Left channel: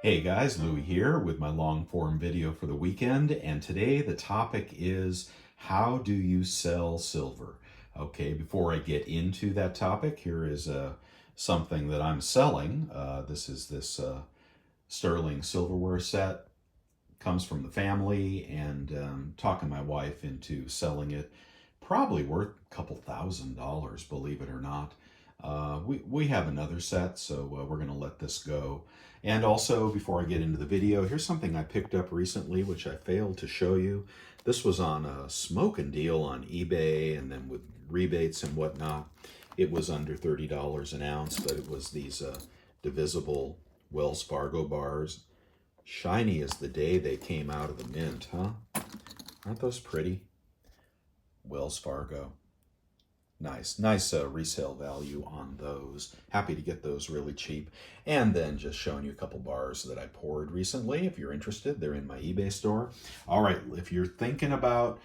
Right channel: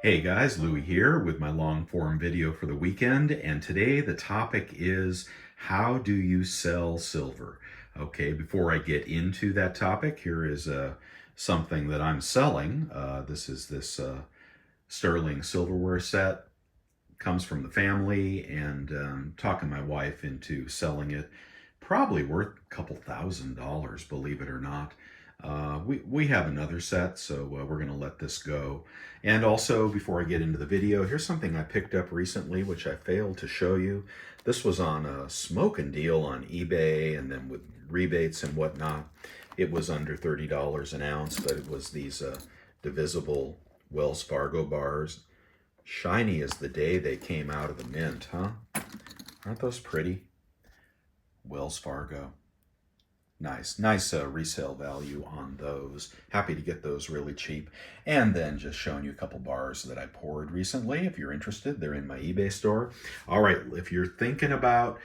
Hey guys, Louie here with my long form video for the weekend, and today the topic is how do you sell silver? Okay, before I get into that topic, here is something that I'm selling. This is this sterling silverware set. Comes from the family, and talking my wife into selling it. Probably worth a couple $1,000s, believe it or not. We have another set, so we're going to let this go. And also, before I get into the video, here's something I picked up recently, which I failed to show you. This was on a smoking deal on eBay, and then with rebates and whatnot, it was under $30 an ounce, but it was these divisible Wells Fargo bars. Shiny as the day they came out of the mint, huh? Aren't those pretty? Wells Fargo. Nice resale value on those. Happy to get those really cheap. And then just showing you a couple bars that I poured recently. If you're interested, they're in my eBay store. All right, if you're thinking about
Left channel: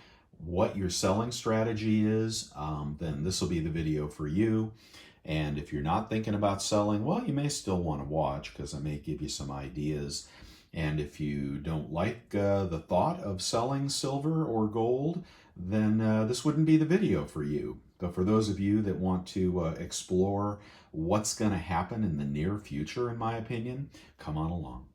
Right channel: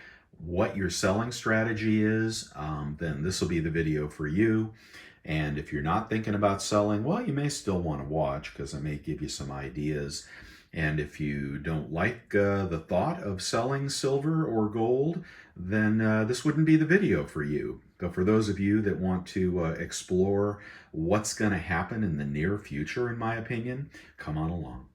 what your selling strategy is, then this will be the video for you. And if you're not thinking about selling, well, you may still want to watch because I may give you some ideas. And if you don't like the thought of selling silver or gold, then this wouldn't be the video for you. But for those of you that want to explore what's going to happen in the near future, in my opinion, come on along.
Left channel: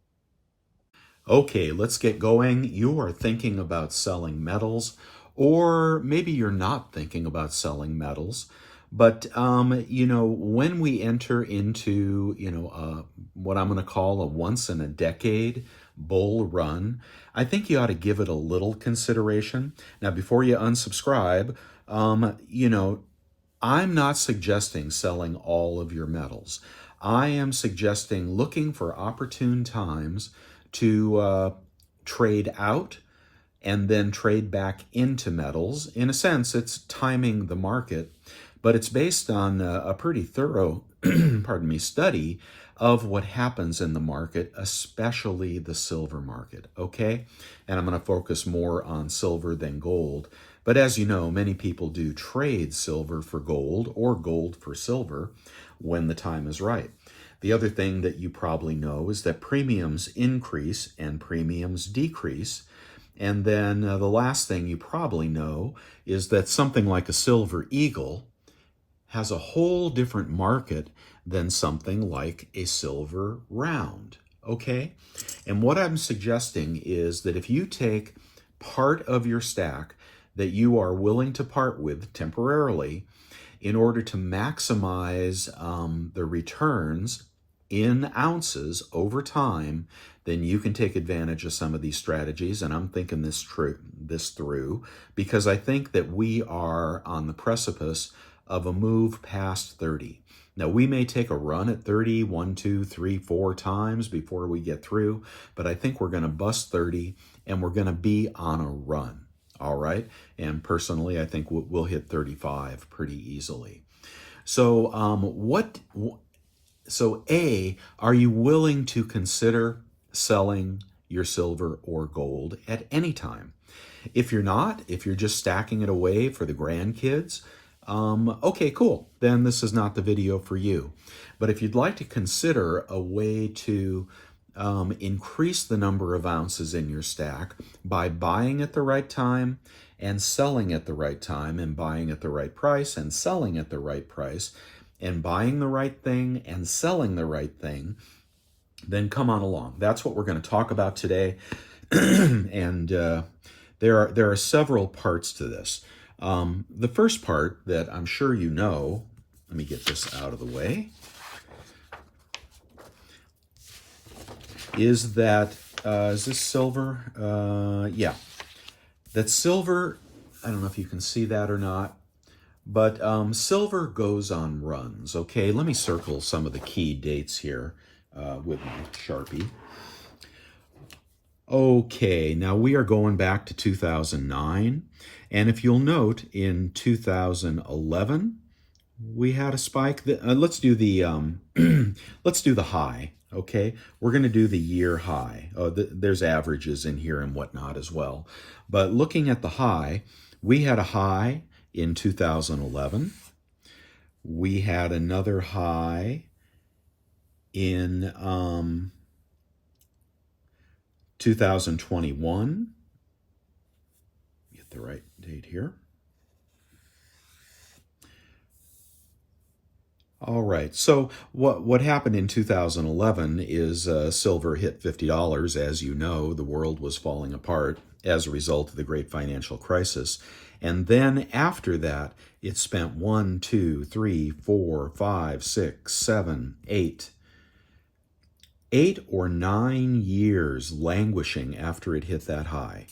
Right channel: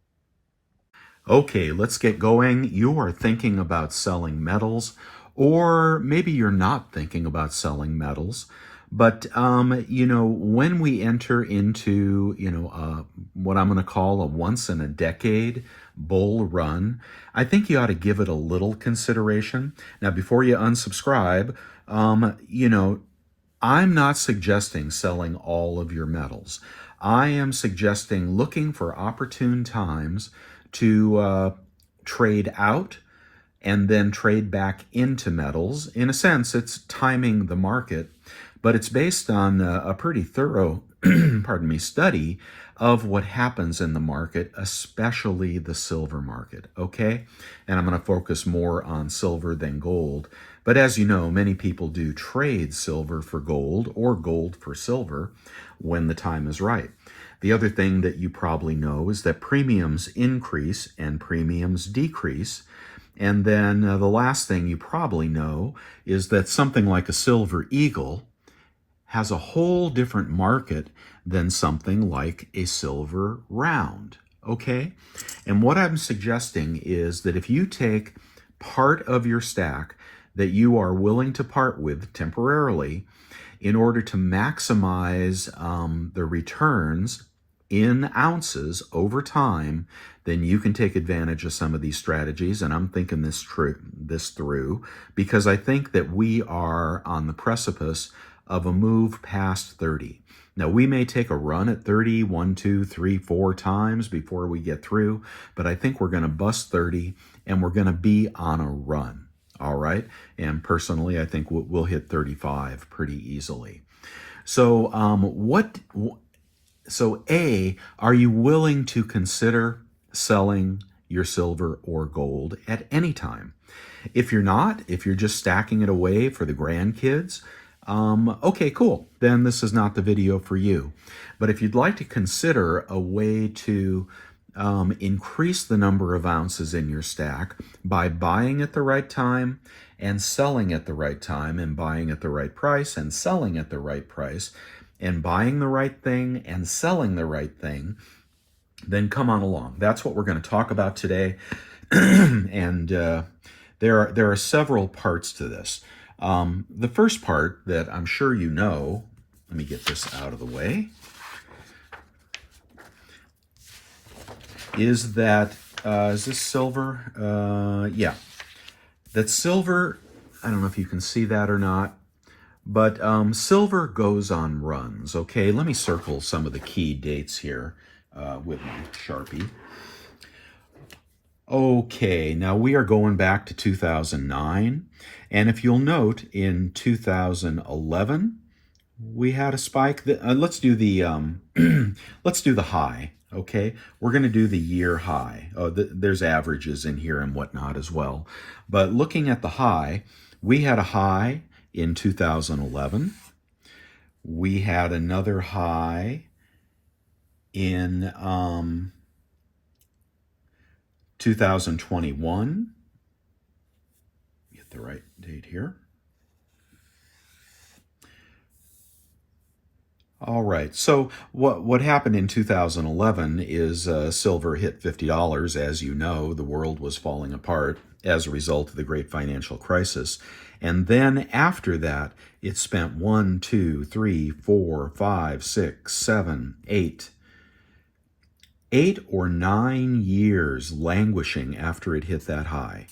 Okay, let's get going. You are thinking about selling metals, or maybe you're not thinking about selling metals. But when we enter into what I'm going to call a once in a decade bull run, I think you ought to give it a little consideration. Now, before you unsubscribe, I'm not suggesting selling all of your metals. I am suggesting looking for opportune times to trade out and then trade back into metals. In a sense, it's timing the market, but it's based on a pretty thorough study of what happens in the market, especially the silver market, okay? And I'm going to focus more on silver than gold. But as you know, many people do trade silver for gold or gold for silver when the time is right. The other thing that you probably know is that premiums increase and premiums decrease. And then the last thing you probably know is that something like a silver eagle has a whole different market than something like a silver round, okay? And what I'm suggesting is that if you take part of your stack that you are willing to part with temporarily in order to maximize the returns in ounces over time, then you can take advantage of some of these strategies. And I'm thinking this through because I think that we are on the precipice of a move past 30. Now, we may take a run at 30 1, 2, 3, 4 times before we get through, but I think we're going to bust 30 and we're going to be on a run. All right. And personally, I think we'll hit 35 pretty easily. So A, are you willing to consider selling your silver or gold at any time? If you're not, if you're just stacking it away for the grandkids, okay, cool. Then this is not the video for you. But if you'd like to consider a way to increase the number of ounces in your stack by buying at the right time and selling at the right time, and buying at the right price and selling at the right price, and buying the right thing and selling the right thing, then come on along. That's what we're going to talk about today. And there are several parts to this. The first part that I'm sure you know, let me get this out of the way, is that, is this silver? Yeah. That silver, I don't know if you can see that or not, but silver goes on runs, okay? Let me circle some of the key dates here with my Sharpie. Okay, now we are going back to 2009, and if you'll note, in 2011, we had a spike. Let's do the let's do the high. Okay, we're going to do the year high. There's averages in here and whatnot as well, but looking at the high, we had a high in 2011. We had another high in 2021, get the right date here. All right. So what happened in 2011 is silver hit $50. As you know, the world was falling apart as a result of the great financial crisis. And then after that, it spent 1, 2, 3, 4, 5, 6, 7, 8 or 9 years languishing after it hit that high.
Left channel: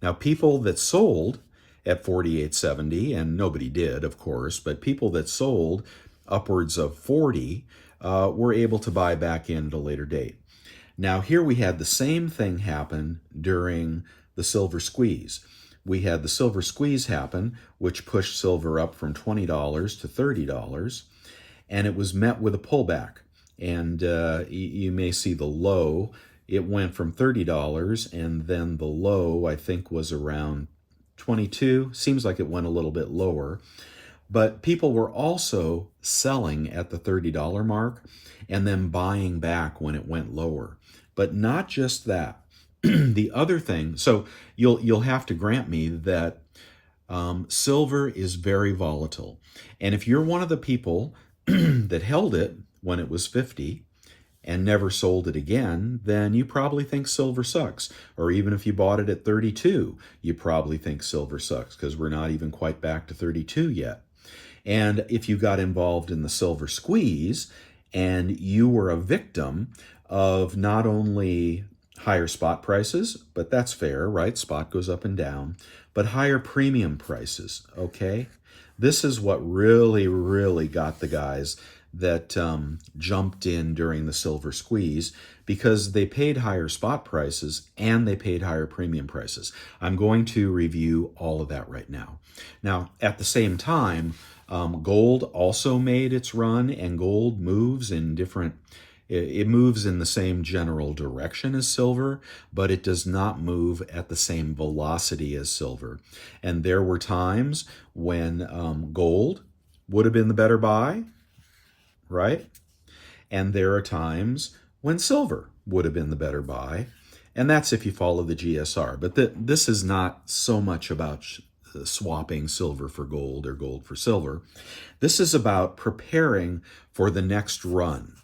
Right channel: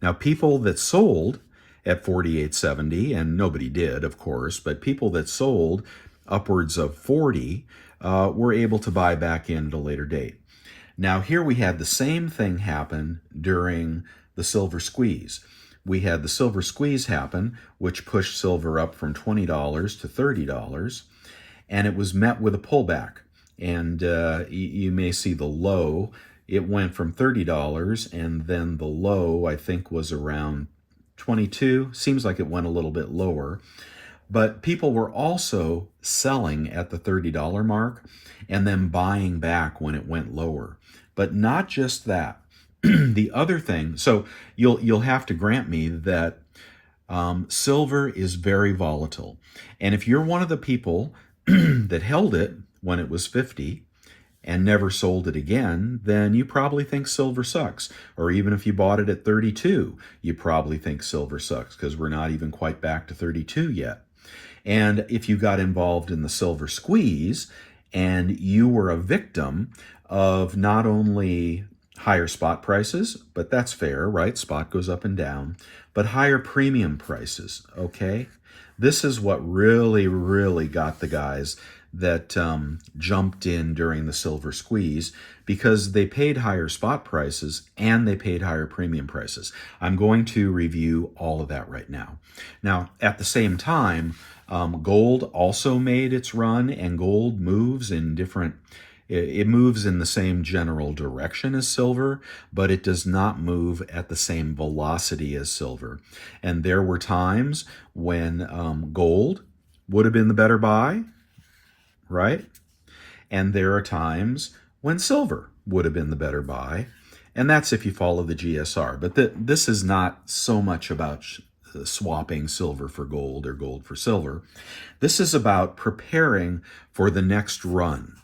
Now, people that sold at 48.70, and nobody did, of course, but people that sold upwards of 40 were able to buy back in at a later date. Now, here we had the same thing happen during the silver squeeze. We had the silver squeeze happen, which pushed silver up from $20 to $30, and it was met with a pullback. And you may see the low. It went from $30, and then the low, I think, was around 22. Seems like it went a little bit lower. But people were also selling at the $30 mark and then buying back when it went lower. But not just that. The other thing, so you'll have to grant me that silver is very volatile. And if you're one of the people that held it when it was 50 and never sold it again, then you probably think silver sucks. Or even if you bought it at 32, you probably think silver sucks, because we're not even quite back to 32 yet. And if you got involved in the silver squeeze and you were a victim of not only higher spot prices, but that's fair, right? Spot goes up and down, but higher premium prices, okay? This is what really, really got the guys that jumped in during the silver squeeze, because they paid higher spot prices and they paid higher premium prices. I'm going to review all of that right now. Now, at the same time, gold also made its run, and gold moves in different, it moves in the same general direction as silver, but it does not move at the same velocity as silver. And there were times when gold would have been the better buy, right? And there are times when silver would have been the better buy. And that's if you follow the GSR. But this is not so much about swapping silver for gold or gold for silver. This is about preparing for the next run.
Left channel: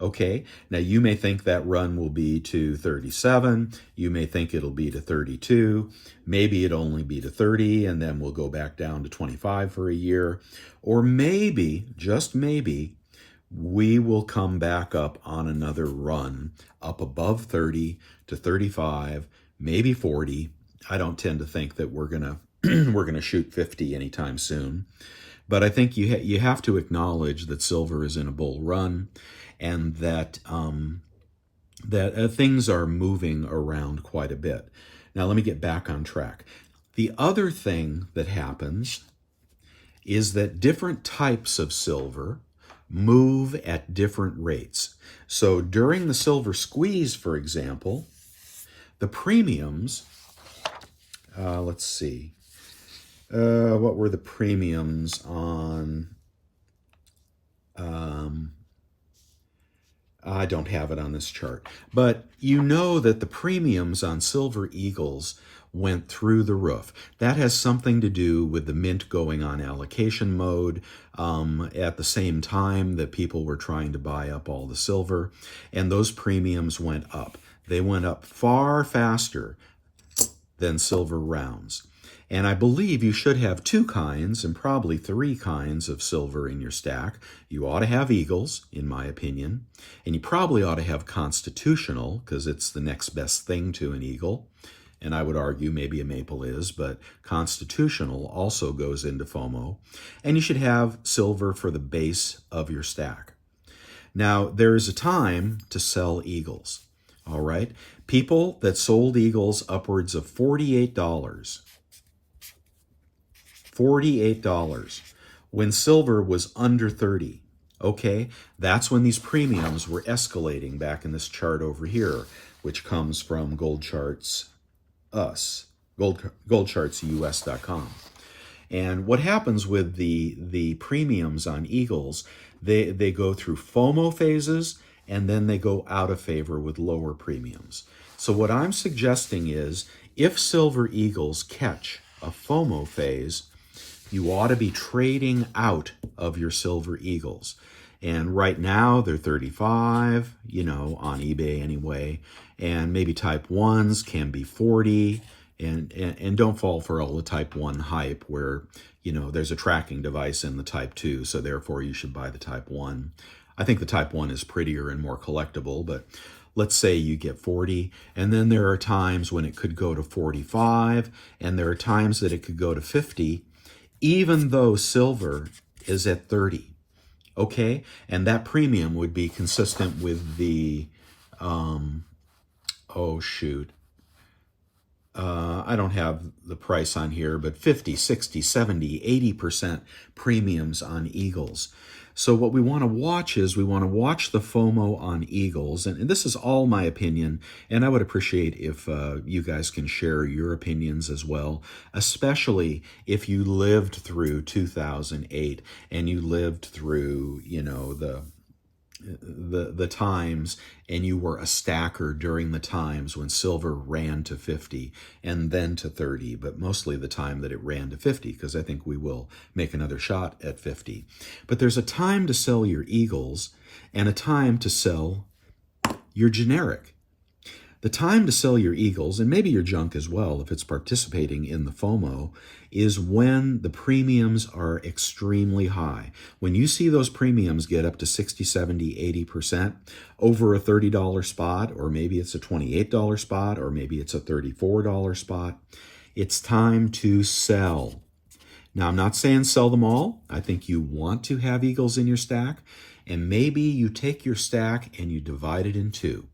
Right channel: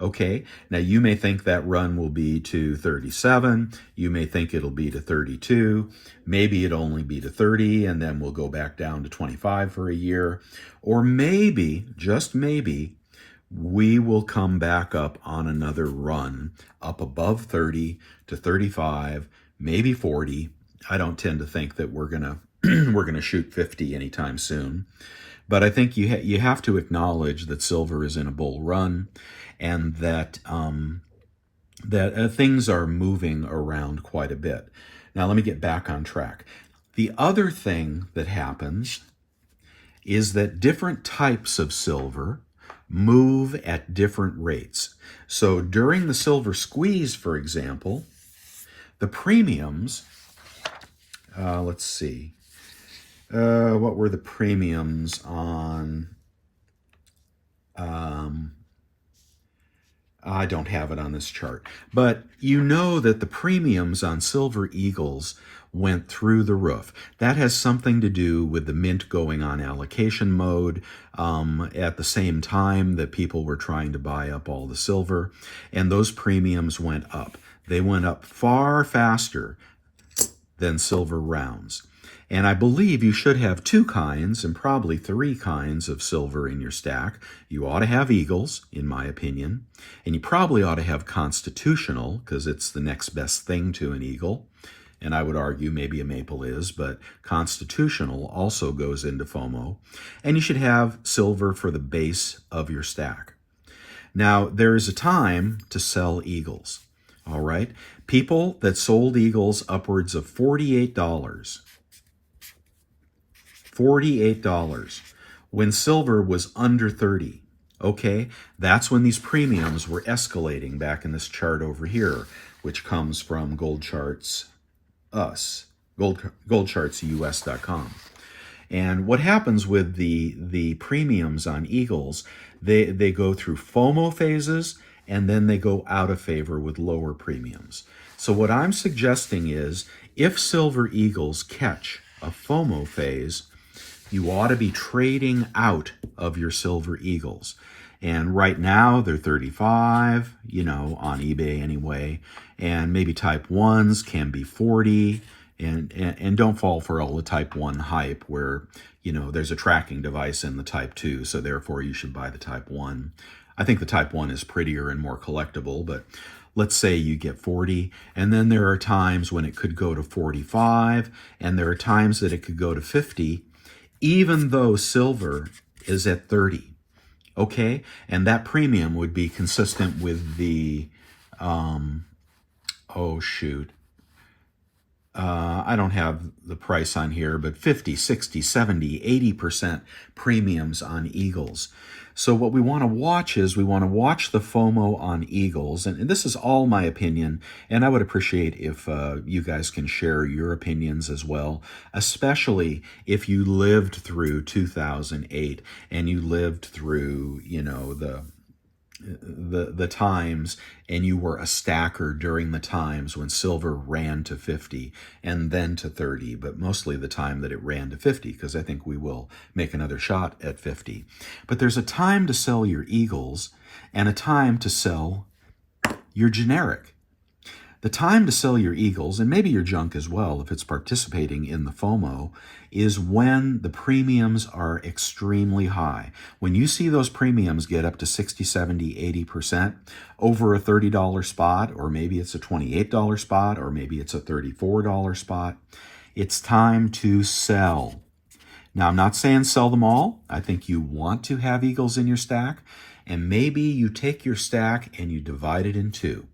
Okay, now you may think that run will be to 37, you may think it'll be to 32, maybe it'll only be to 30, and then we'll go back down to 25 for a year, or maybe, just maybe, we will come back up on another run, up above 30 to 35, maybe 40. I don't tend to think that we're gonna shoot 50 anytime soon. But I think you have to acknowledge that silver is in a bull run, and that things are moving around quite a bit. Now let me get back on track. The other thing that happens is that different types of silver move at different rates. So during the silver squeeze, for example, the premiums, let's see, what were the premiums on, I don't have it on this chart, but you know that the premiums on Silver Eagles went through the roof. That has something to do with the mint going on allocation mode at the same time that people were trying to buy up all the silver, and those premiums went up. They went up far faster than silver rounds. And I believe you should have 2 kinds and probably 3 kinds of silver in your stack. You ought to have Eagles, in my opinion, and you probably ought to have Constitutional, because it's the next best thing to an Eagle. And I would argue maybe a Maple is, but Constitutional also goes into FOMO. And you should have silver for the base of your stack. Now, there is a time to sell Eagles, all right? People that sold Eagles upwards of $48, when silver was under 30. Okay, that's when these premiums were escalating back in this chart over here, which comes from Gold Charts Us, goldchartsus.com. And what happens with the premiums on Eagles, they go through FOMO phases, and then they go out of favor with lower premiums. So what I'm suggesting is if Silver Eagles catch a FOMO phase, you ought to be trading out of your Silver Eagles. And right now they're 35, on eBay anyway. And maybe type 1s can be 40. And don't fall for all the type 1 hype where, there's a tracking device in the type 2, so therefore you should buy the type 1. I think the type 1 is prettier and more collectible, but let's say you get 40, and then there are times when it could go to 45, and there are times that it could go to 50, even though silver is at 30. Okay? And that premium would be consistent with the, I don't have the price on here, but 50, 60, 70, 80% premiums on Eagles. So what we want to watch is we want to watch the FOMO on Eagles. And this is all my opinion, and I would appreciate if you guys can share your opinions as well, especially if you lived through 2008 and you lived through, the times, and you were a stacker during the times when silver ran to 50 and then to 30, but mostly the time that it ran to 50, because I think we will make another shot at 50. But there's a time to sell your Eagles and a time to sell your generic. The time to sell your Eagles, and maybe your junk as well if it's participating in the FOMO, is when the premiums are extremely high. When you see those premiums get up to 60, 70, 80% over a $30 spot, or maybe it's a $28 spot, or maybe it's a $34 spot, it's time to sell. Now, I'm not saying sell them all. I think you want to have Eagles in your stack, and maybe you take your stack and you divide it in two.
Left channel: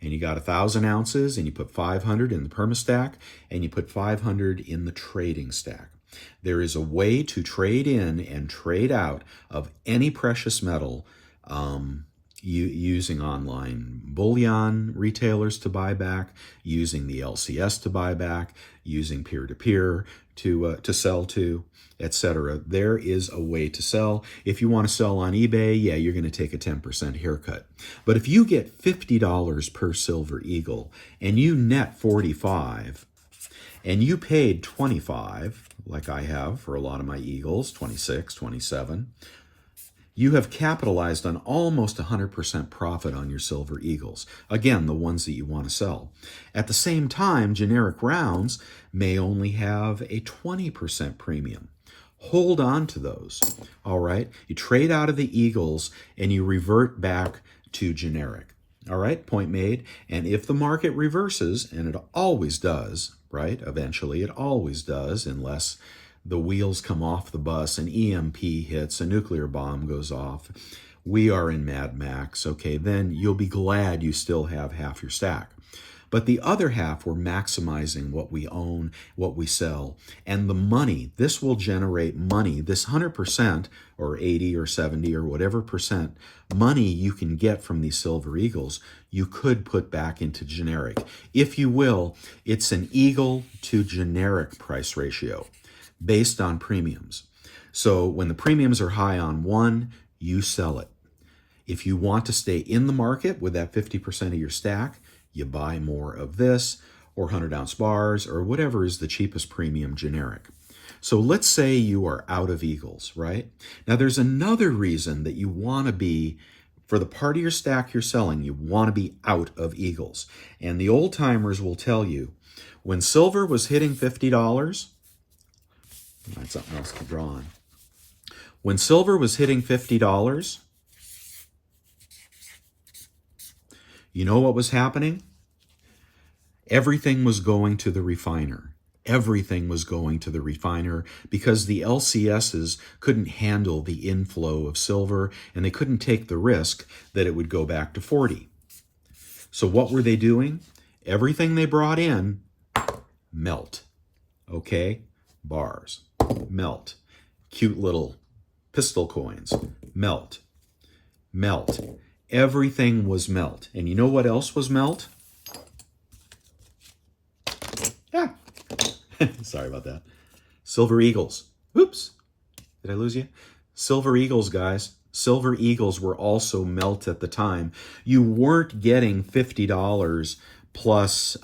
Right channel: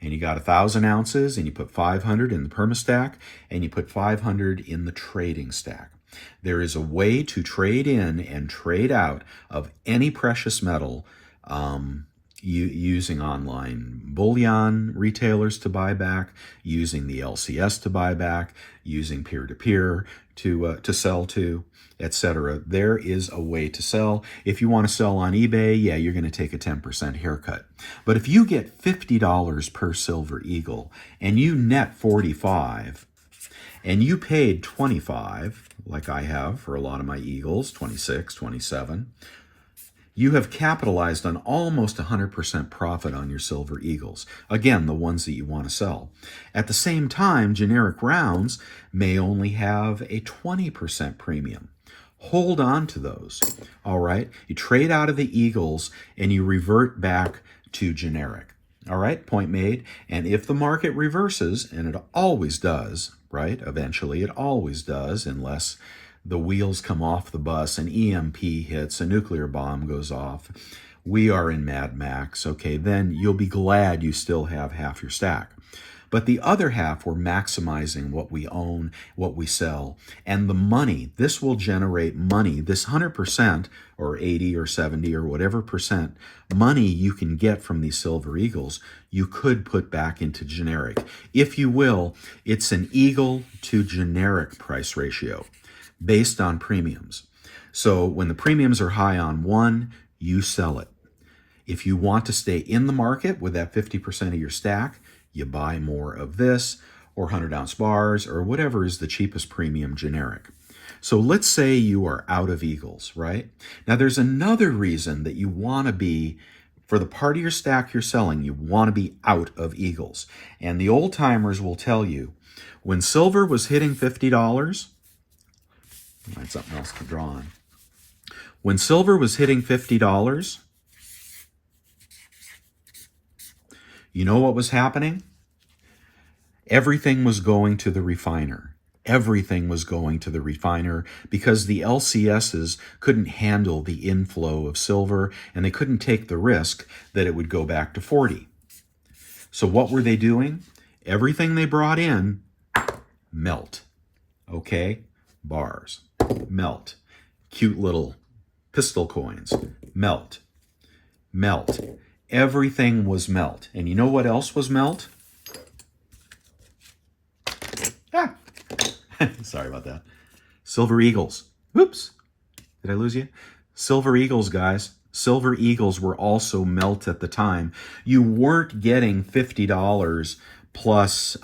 And you got 1,000 ounces, and you put 500 in the perma stack, and you put 500 in the trading stack. There is a way to trade in and trade out of any precious metal using online bullion retailers to buy back, using the LCS to buy back, using peer-to-peer to sell to, etc. There is a way to sell. If you want to sell on eBay, yeah, you're going to take a 10% haircut. But if you get $50 per Silver Eagle and you net 45 and you paid 25, like I have for a lot of my Eagles, 26, 27, you have capitalized on almost 100% profit on your Silver Eagles. Again, the ones that you want to sell. At the same time, generic rounds may only have a 20% premium. Hold on to those, all right? You trade out of the Eagles and you revert back to generic. All right, point made. And if the market reverses, and it always does, right? Eventually, it always does, unless the wheels come off the bus, an EMP hits, a nuclear bomb goes off, we are in Mad Max, okay, then you'll be glad you still have half your stack. But the other half, we're maximizing what we own, what we sell, and the money. This will generate money, this 100% or 80 or 70 or whatever percent money you can get from these Silver Eagles, you could put back into generic. If you will, it's an Eagle to generic price ratio based on premiums. So when the premiums are high on one, you sell it. If you want to stay in the market with that 50% of your stack, you buy more of this, or 100-ounce bars, or whatever is the cheapest premium generic. So let's say you are out of Eagles, right? Now there's another reason that you want to be, for the part of your stack you're selling, you want to be out of Eagles. And the old timers will tell you, when silver was hitting $50, find something else to draw on. When silver was hitting $50, you know what was happening? Everything was going to the refiner. Everything was going to the refiner because the LCSs couldn't handle the inflow of silver, and they couldn't take the risk that it would go back to 40. So what were they doing? Everything they brought in, melt. Okay? Bars, melt. Cute little pistol coins, melt. Melt. Everything was melt. And you know what else was melt? Sorry about that. Silver Eagles. Whoops. Did I lose you? Silver Eagles, guys. Silver Eagles were also melt at the time. You weren't getting $50 plus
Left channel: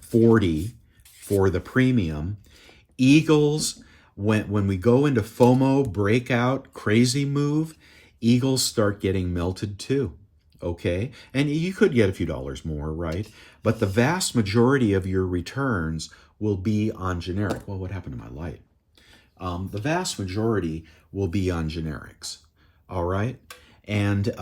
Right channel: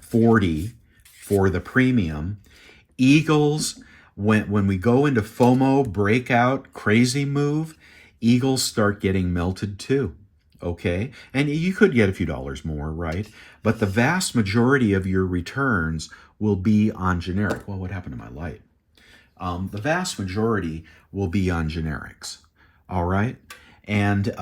40 for the premium. Eagles, when we go into FOMO, breakout, crazy move, Eagles start getting melted too. Okay, and you could get a few dollars more, right? But the vast majority of your returns will be on generic. Well, what happened to my light? The vast majority will be on generics. All right, and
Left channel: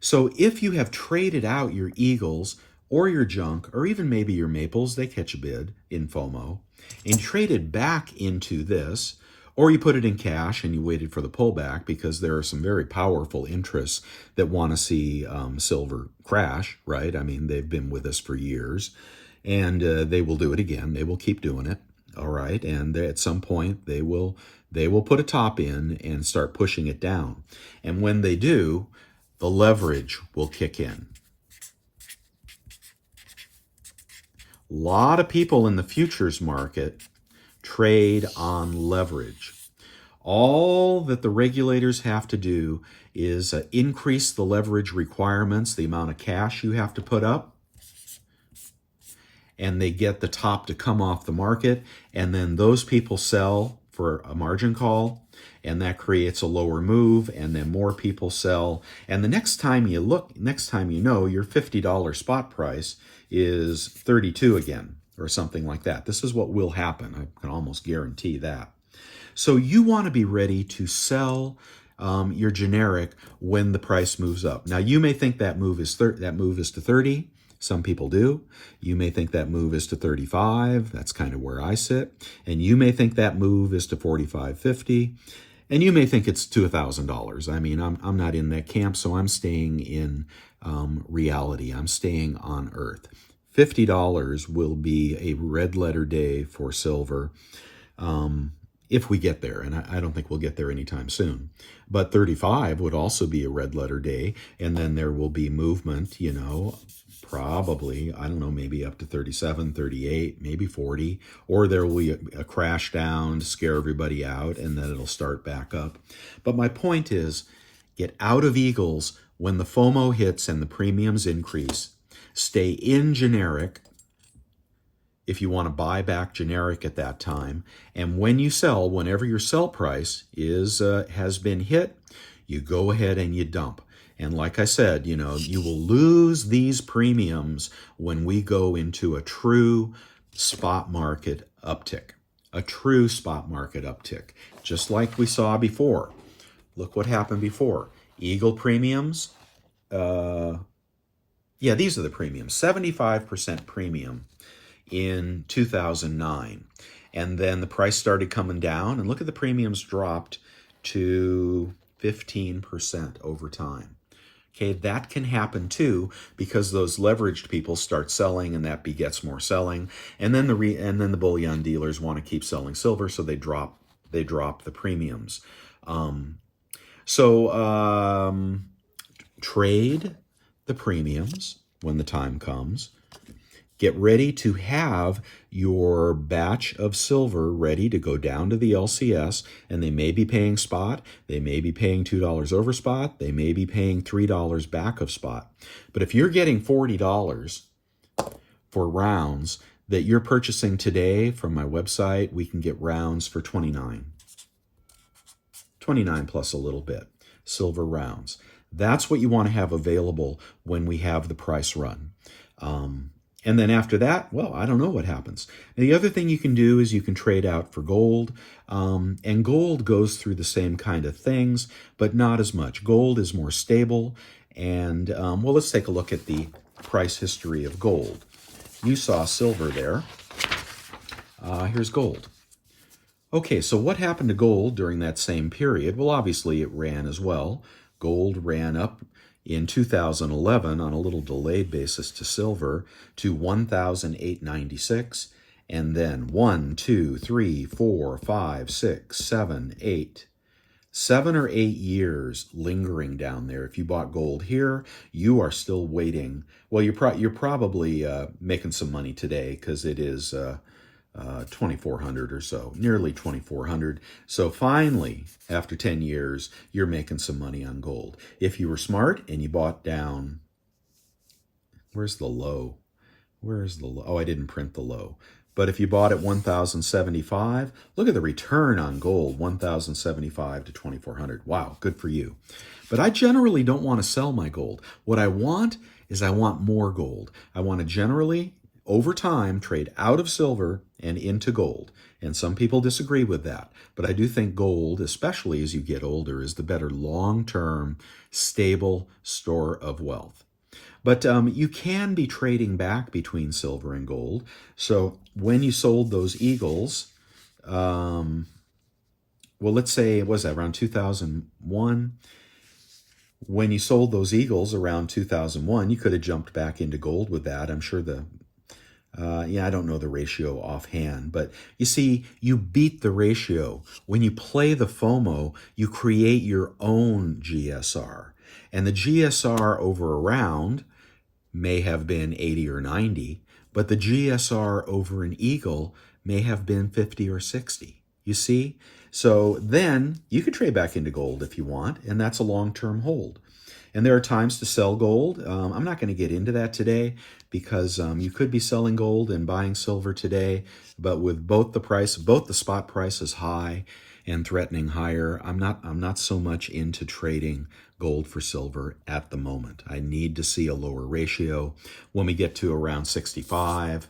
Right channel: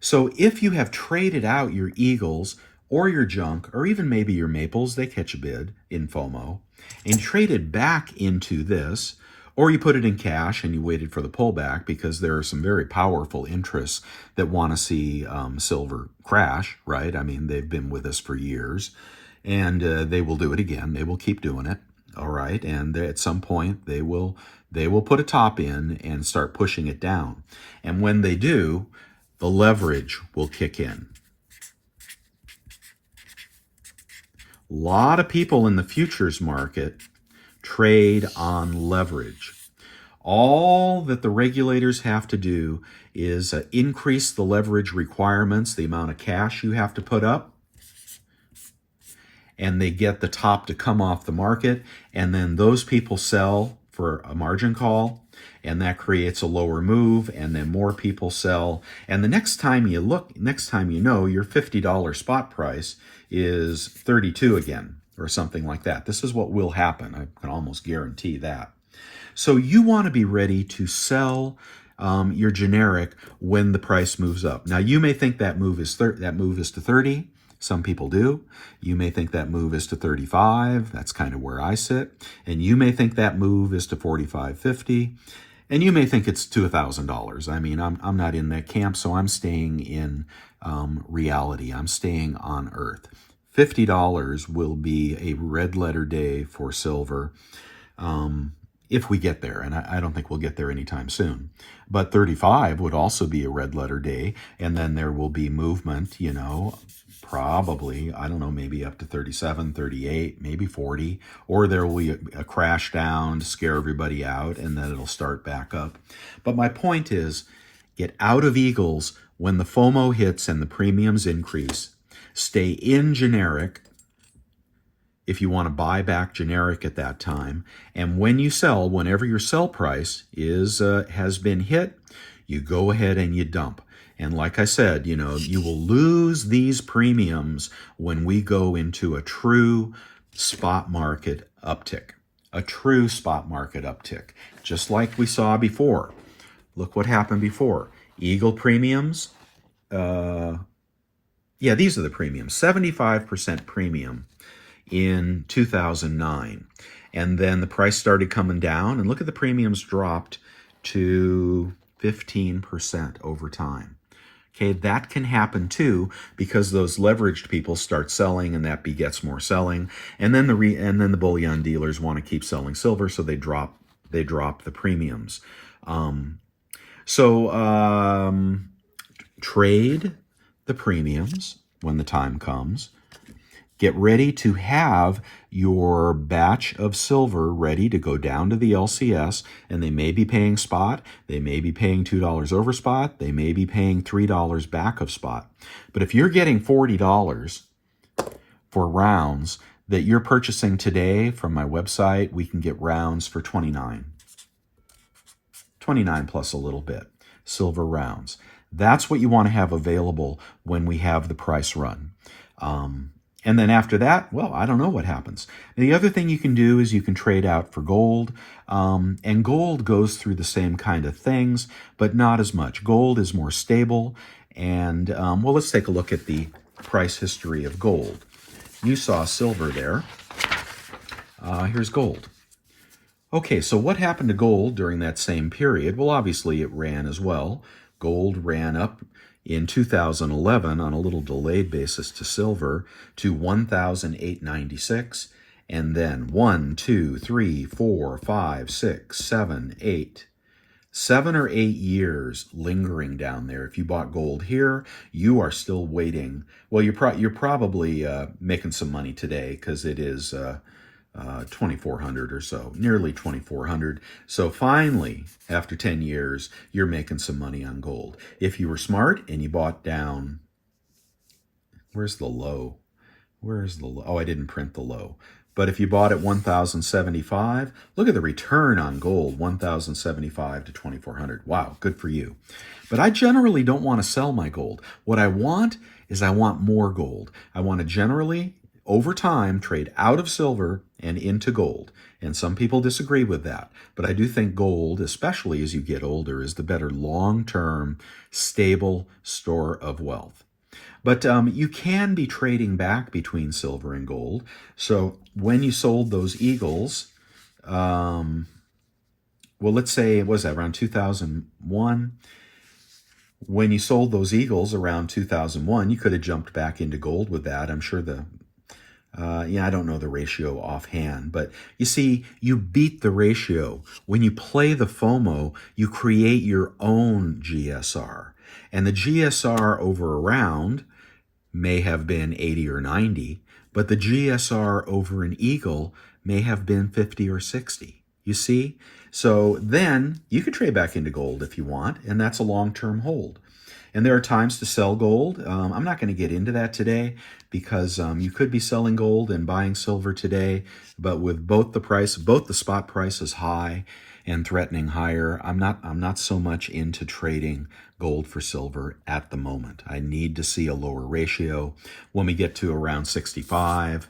so if you have traded out your Eagles or your junk, or even maybe your Maples, they catch a bid in FOMO, and traded back into this, or you put it in cash and you waited for the pullback, because there are some very powerful interests that want to see silver crash, right? I mean, they've been with us for years, and they will do it again. They will keep doing it, all right? And at some point, they will put a top in and start pushing it down. And when they do, the leverage will kick in. A lot of people in the futures market trade on leverage. All that the regulators have to do is increase the leverage requirements, the amount of cash you have to put up, and they get the top to come off the market, and then those people sell for a margin call, and that creates a lower move, and then more people sell, and the next time you look, next time you know, your $50 spot price is 32 again, or something like that. This is what will happen. I can almost guarantee that. So you want to be ready to sell your generic when the price moves up. Now, you may think that move is to 30. Some people do. You may think that move is to 35. That's kind of where I sit. And you may think that move is to 45, 50. And you may think it's to $1,000. I mean, I'm not in that camp, so I'm staying in reality. I'm staying on Earth. $50 will be a red letter day for silver. If we get there, and I don't think we'll get there anytime soon. But 35 would also be a red letter day, and then there will be movement, you know, probably, I don't know, maybe up to 37, 38, maybe 40, or there will be a crash down to scare everybody out, and then it'll start back up. But my point is, get out of Eagles when the FOMO hits and the premiums increase. Stay in generic if you want to buy back generic at that time. And when you sell, whenever your sell price has been hit, you go ahead and you dump. And like I said, you know, you will lose these premiums when we go into a true spot market uptick. A true spot market uptick, just like we saw before. Look what happened before. Eagle premiums, yeah, these are the premiums, 75% premium in 2009. And then the price started coming down, and look at the premiums dropped to 15% over time. Okay, that can happen too, because those leveraged people start selling, and that begets more selling. And then the bullion dealers want to keep selling silver, so they drop the premiums. Trade the premiums when the time comes. Get ready to have your batch of silver ready to go down to the LCS, and they may be paying spot, they may be paying $2 over spot, they may be paying $3 back of spot. But if you're getting $40 for rounds that you're purchasing today from my website, we can get rounds for $29. $29 plus a little bit, silver rounds. That's what you want to have available when we have the price run. And then after that, well, I don't know what happens. The other thing you can do is you can trade out for gold. And gold goes through the same kind of things, but not as much. Gold is more stable. And, well, let's take a look at the price history of gold. You saw silver there. Here's gold. Okay, so what happened to gold during that same period? Well, obviously it ran as well. Gold ran up in 2011 on a little delayed basis to silver to 1,896, and then 1, 2, 3, 4, 5, 6, 7, 8. 7 or 8 years lingering down there. If you bought gold here, you are still waiting. Well, you're probably making some money today, because it is 2,400 or so, nearly 2,400. So finally, after 10 years, you're making some money on gold. If you were smart and you bought down, where's the low? Where's the low? Oh, I didn't print the low. But if you bought at 1,075, look at the return on gold, 1,075 to 2,400. Wow, good for you. But I generally don't want to sell my gold. What I want is I want more gold. I want to generally, over time, trade out of silver and into gold. And some people disagree with that. But I do think gold, especially as you get older, is the better long-term, stable store of wealth. But you can be trading back between silver and gold. So when you sold those Eagles, well, let's say, was that around 2001? When you sold those Eagles around 2001, you could have jumped back into gold with that. I'm sure I don't know the ratio offhand, but you see, you beat the ratio. When you play the FOMO, you create your own GSR. And the GSR over a round may have been 80 or 90, but the GSR over an Eagle may have been 50 or 60. You see? So then you could trade back into gold if you want, and that's a long-term hold. And there are times to sell gold. I'm not going to get into that today because you could be selling gold and buying silver today, but with both the spot price is high and threatening higher, I'm not so much into trading gold for silver at the moment. I need to see a lower ratio. When we get to around 65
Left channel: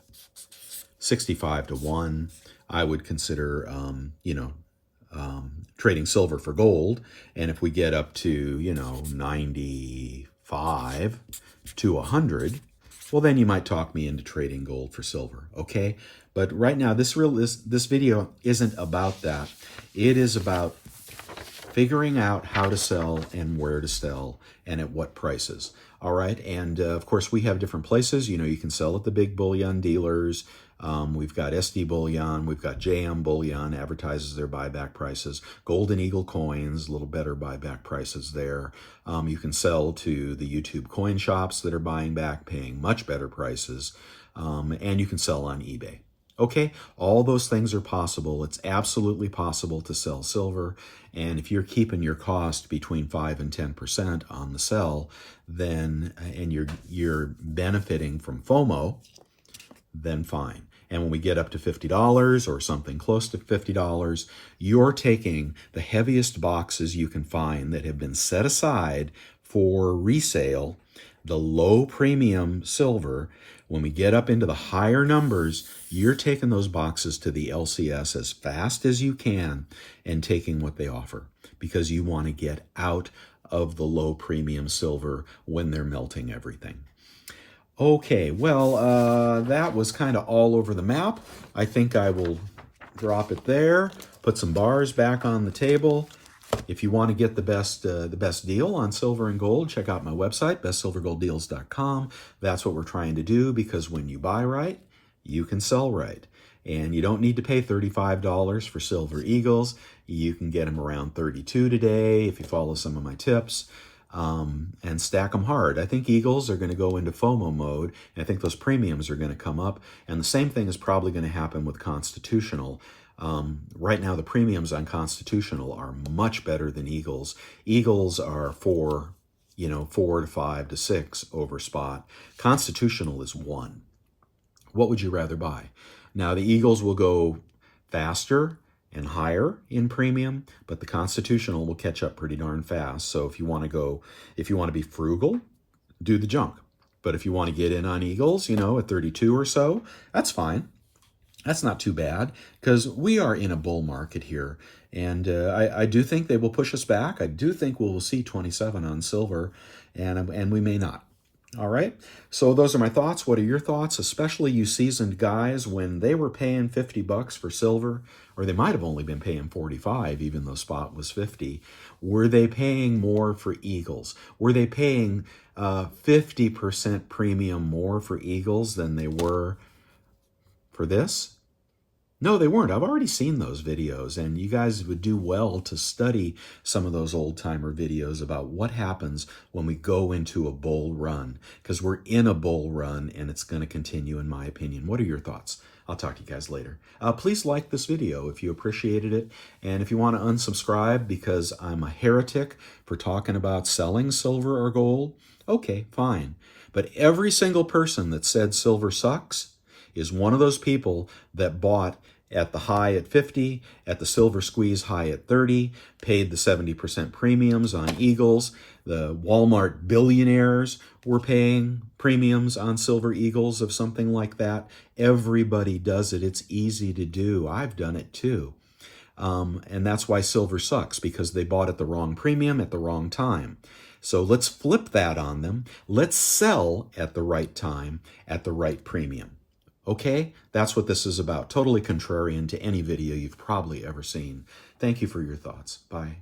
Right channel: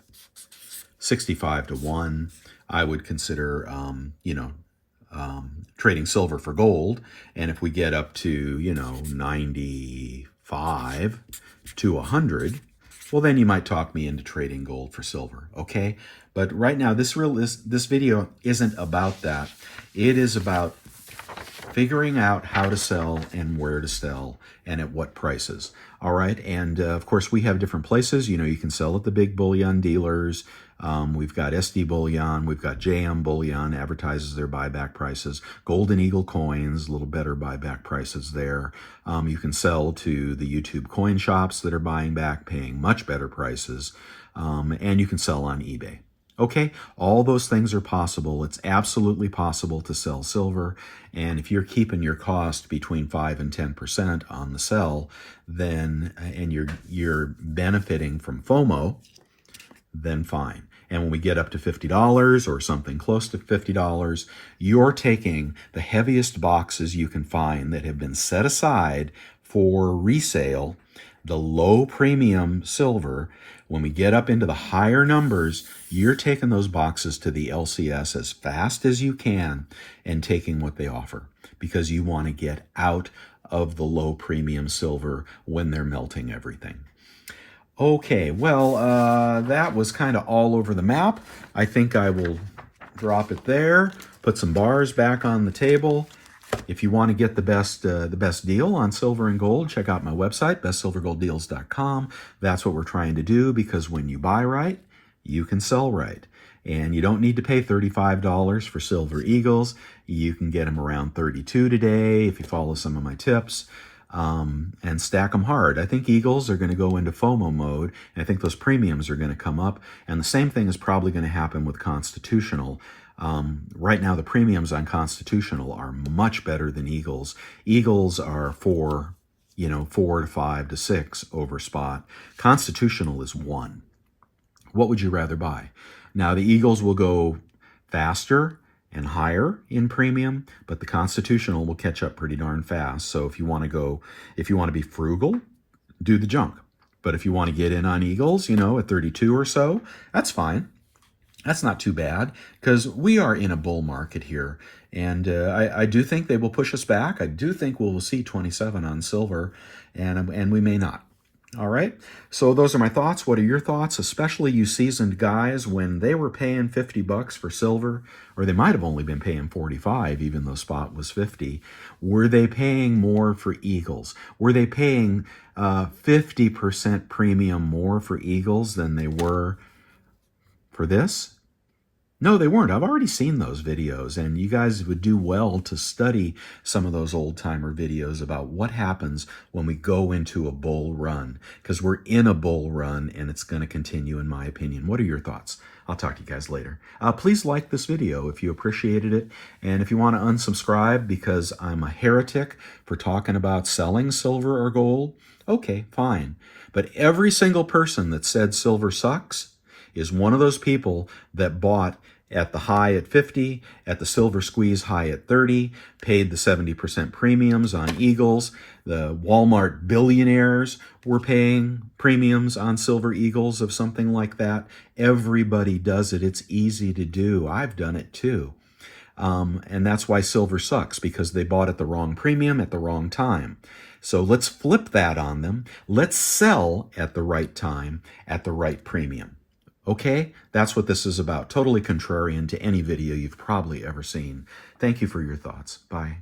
to 1, I would consider trading silver for gold. And if we get up to 95 to 100, well, then you might talk me into trading gold for silver, okay? But right now, this video isn't about that. It is about figuring out how to sell and where to sell and at what prices. All right, and of course, we have different places. You can sell at the big bullion dealers. We've got SD Bullion, we've got JM Bullion, advertises their buyback prices. Golden Eagle Coins, a little better buyback prices there. You can sell to the YouTube coin shops that are buying back, paying much better prices. And you can sell on eBay. Okay, all those things are possible. It's absolutely possible to sell silver. And if you're keeping your cost between 5 and 10% on the sell, then and you're benefiting from FOMO, then fine. And when we get up to $50 or something close to $50, you're taking the heaviest boxes you can find that have been set aside for resale, the low premium silver. When we get up into the higher numbers, you're taking those boxes to the LCS as fast as you can and taking what they offer because you want to get out of the low premium silver when they're melting everything. Okay, well, that was kind of all over the map. I think I will drop it there, put some bars back on the table. If you want to get the best deal on silver and gold, check out my website, bestsilvergolddeals.com. That's what we're trying to do because when you buy right, you can sell right. And you don't need to pay $35 for Silver Eagles. You can get them around $32 today if you follow some of my tips. And stack them hard. I think Eagles are going to go into FOMO mode, and I think those premiums are going to come up, and the same thing is probably going to happen with Constitutional. Right now, the premiums on Constitutional are much better than Eagles. Eagles are 4 to 5 to 6 over spot. Constitutional is 1. What would you rather buy? Now, the Eagles will go faster and higher in premium, but the Constitutional will catch up pretty darn fast. So if you want to be frugal, do the junk. But if you want to get in on Eagles, at 32 or so, that's fine. That's not too bad because we are in a bull market here. And I do think they will push us back. I do think we'll see 27 on silver, and we may not. All right, so those are my thoughts. What are your thoughts, especially you seasoned guys, when they were paying $50 for silver, or they might have only been paying 45, even though spot was 50. Were they paying more for Eagles? Were they paying 50% premium more for Eagles than they were for this? No, they weren't. I've already seen those videos, and you guys would do well to study some of those old timer videos about what happens when we go into a bull run, because we're in a bull run and it's going to continue, in my opinion. What are your thoughts? I'll talk to you guys later. Please like this video if you appreciated it, and if you want to unsubscribe because I'm a heretic for talking about selling silver or gold, okay, fine. But every single person that said silver sucks is one of those people that bought at the high at 50, at the silver squeeze high at 30, paid the 70% premiums on Eagles. The Walmart billionaires were paying premiums on silver Eagles of something like that. Everybody does it. It's easy to do. I've done it too. And that's why silver sucks, because they bought at the wrong premium at the wrong time. So let's flip that on them. Let's sell at the right time at the right premium. Okay, that's what this is about. Totally contrarian to any video you've probably ever seen. Thank you for your thoughts. Bye.